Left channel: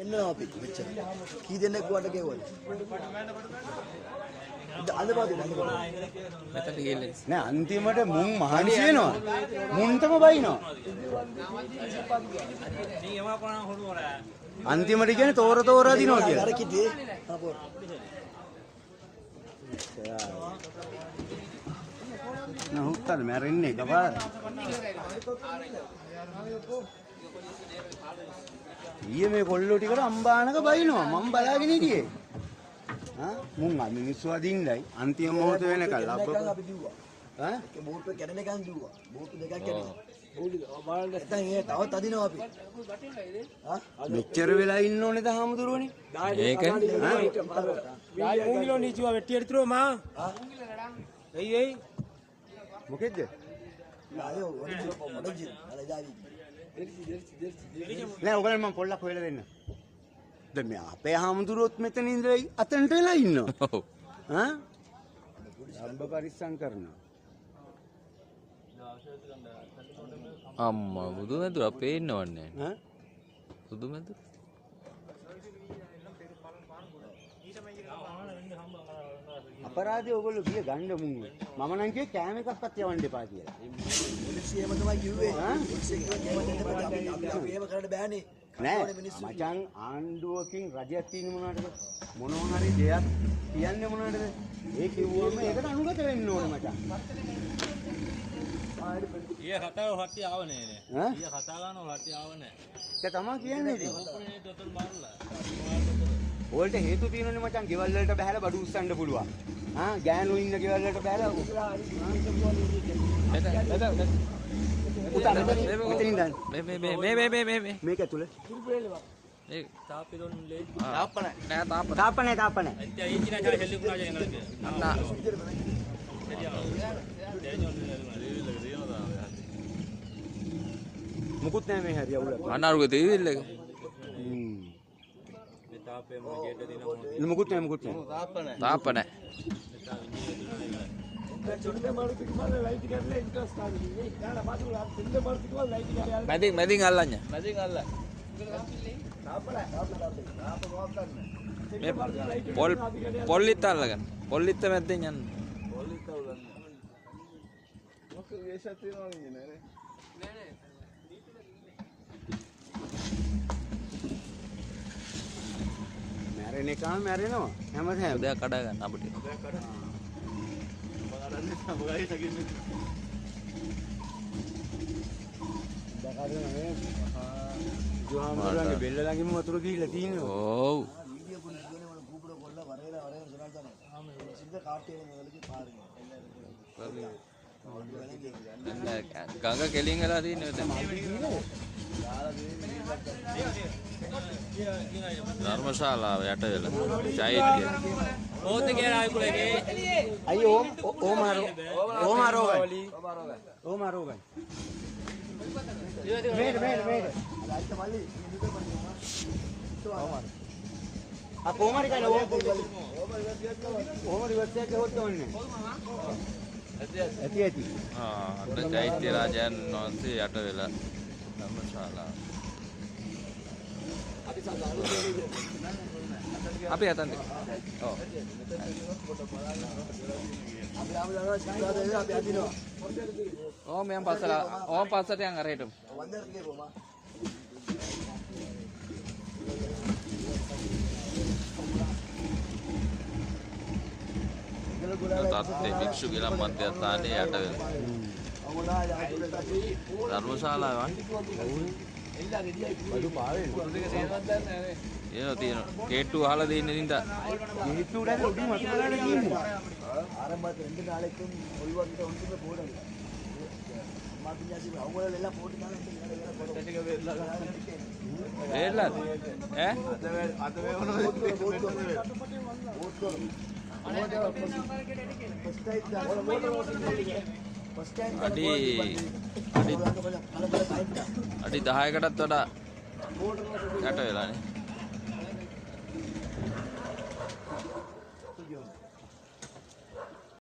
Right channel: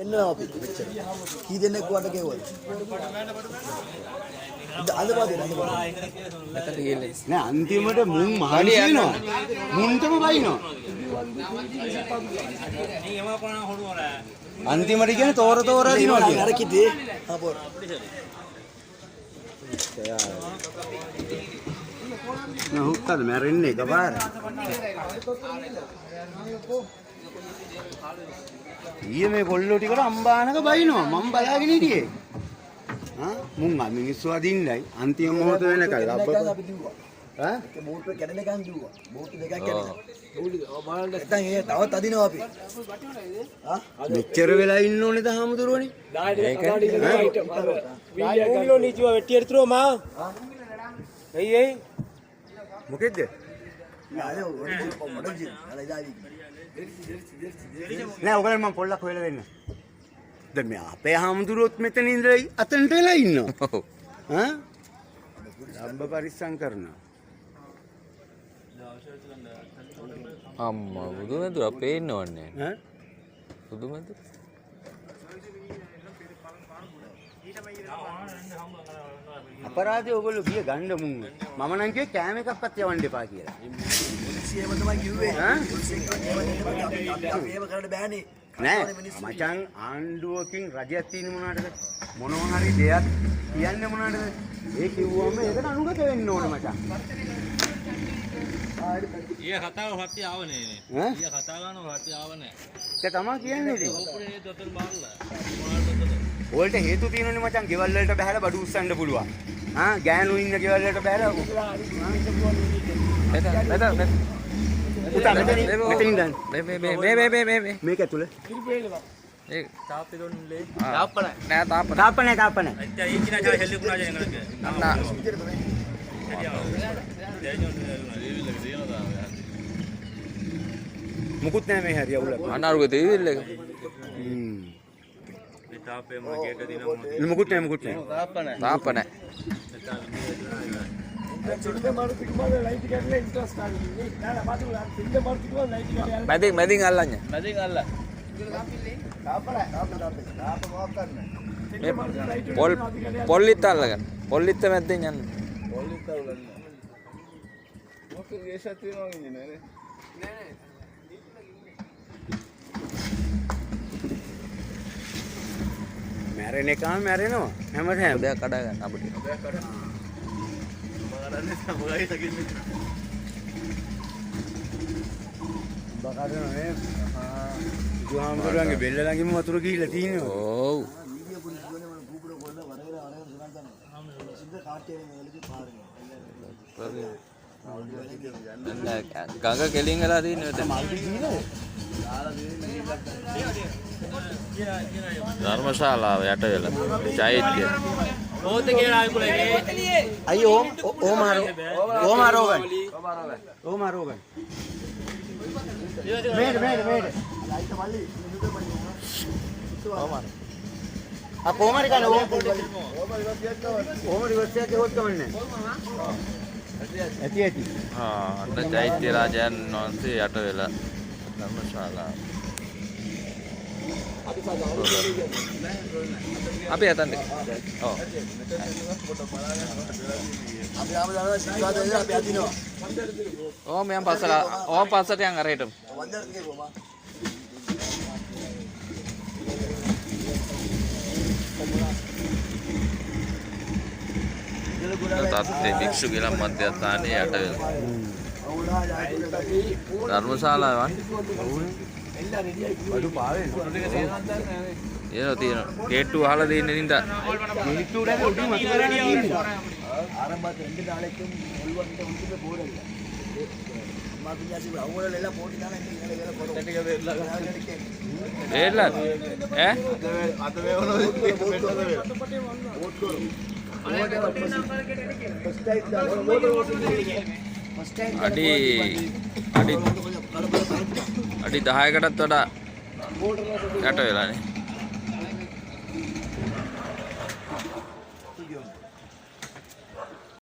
පෙන්නවා අපි කී දෙනෙක් වට ගෙවුවද නෑ අන්තිමට මුන් මහන්සි වෙනවා මුන්ටම බයිනවා අන්තිමට කියන්නේ තෝර තෝරා දිනවා කියලා අර කිදේ අපෝ නෑ හුක්කද මැරෙන්නේ එකපාර ඊයේ මේ කොල්ලෝ ටිකට අම්බානක බයිනවා මම බලාගෙන හිටියේ මුන් මිනිස්සු අදින්නයි අන්තිම මොහොත වෙනකල් ලබ්බ ඈ බෝට් එක කැඩෙනකන් දුවා බෝට් දෙකක් කැඩෙනවා බලන්න දැන් ඒ තවත් අදිනවා අපි මෙච්චර වෙලා ඉන්න ඕනේ ද හාමුදුරුවනේ ඒක ඌගිලෝ නිචුවා වෙට්ටි එරිතුරෝ මා එයි මොකෙද්ද නෑ ඔයගොල්ලෝ මම පොල්ලක් හොයලා දෙන්න දැන් මේ අපේ හාමුදුරුවොත් මෙතන ඉඳලා අතනට වෙලා ඉන්නවා ඔව් හා අම්බ පරිස්සම් කරනවා අම්මා බුදුමැදුර පේන්නවන්නේ ඈ බුදුමැදුර අපරාධය ඔයගොල්ලෝ ගිය ගන්න මුං මම නම් කිව්වේ කෑම එකක්වත් යවන්න එපා කියලා පොලිසියම තමයි කිව්වේ ඈ පොලිසියෙන් මේව කරන්න බෑනේ නෑ මචං ආණ්ඩුවකින් රජයක් තියෙන මොනවටද මොනවා හරි දෙයක් කියන්නේ මොනවටද ඒ කිව්වම ඒකට අනුගත වෙන්න ඕනේ මචං ඊය කතාව හත්ති ආවනේ නේ ඊය කතා ගන්නව හත්ති ආවනේ ඒක තමයි කියන්නේ ඉතින් ඕපරේ දොතල් මාරලා ඕල්ට හේතු තියෙනනේ මචං ගෙවල් වලට බහැලා බඩු උස්සන්න පුළුවන් ගෑනු ඉන්න ගෙවල් වලට බහැලා පුතා මෙතනින් ගන්න මේ මේක ඇතුලේ ඒ තාප්පේ දොන්නේ තාප්ප නෑ තාප්ප නෑ අච්චා ඊචිනා ජා හෙල්ලි පුනා ජා එංගලක අන්න මුකුත් නෑ මේ හරිය උල අනාරුගේ තීවිල් එක මේ තාප්පේ මොන ගේට දිනමු මුකුත් නෑ තාප්ප නෑ මැදින් අල්ලන්න පොල්ලිත් අල්ලගන්න පොල්ලිත්ත මැද්දෙන් යන්න මැරෙන එකම මැරෙනවා හැමදාම දෙයක් කඩා ගන්න අපිට බකාරනේ ජුහාම්දුරන්ගේ බෙල්ල ළඟින්ම වතුර ගිහිල්ලා තියෙනවා ඔව් ගඟ කෙලින් වෙලා තියෙනවා ධර්මශාලාව යට වෙලා චෛත්‍ය ඕත කියලා ආයිකුලේ අයියෝ ඕමාරෝ මේඩ කොහමරි කන ඕමරි වස්තියක් ගෙවොත් කමන්නේ ඇති අන්න චෛත්‍ය රාජයන් වහන්සේ යට වෙලා ධර්මශාලාව අපි යතන්ද ඔව් අපි ආව දානවා සිතාදේ අපි අදිනවා ඕම මම පස්සලා ඕම පස්සට යන් අරහෙට වන්දරට ගියපොමා තත්ත්වේ භික්ෂු ගිලන් මධ්‍යස්ථානයේ යට ධර්මශාලාවන් බඩු පාවේ තියෙනවා ගේට්ටු අහලා දෙන්නේ නින්දා ගේට්ටු වලින් උඩින් මතුවලා තියෙනවා ආරම්භ දෙන්න දාලෙක්ම ඔල්වන්ට උන්ට බෝඩ් එක අම්මා පියාසි අවුවලලා පොඩි දාලා ඉතින් ඉහළ වෙලා පොඩ ටික වෙලා වේලා ඈ අත වේවන බෝඩ් කර අඩි 10කටත් වඩා යට වෙලානේ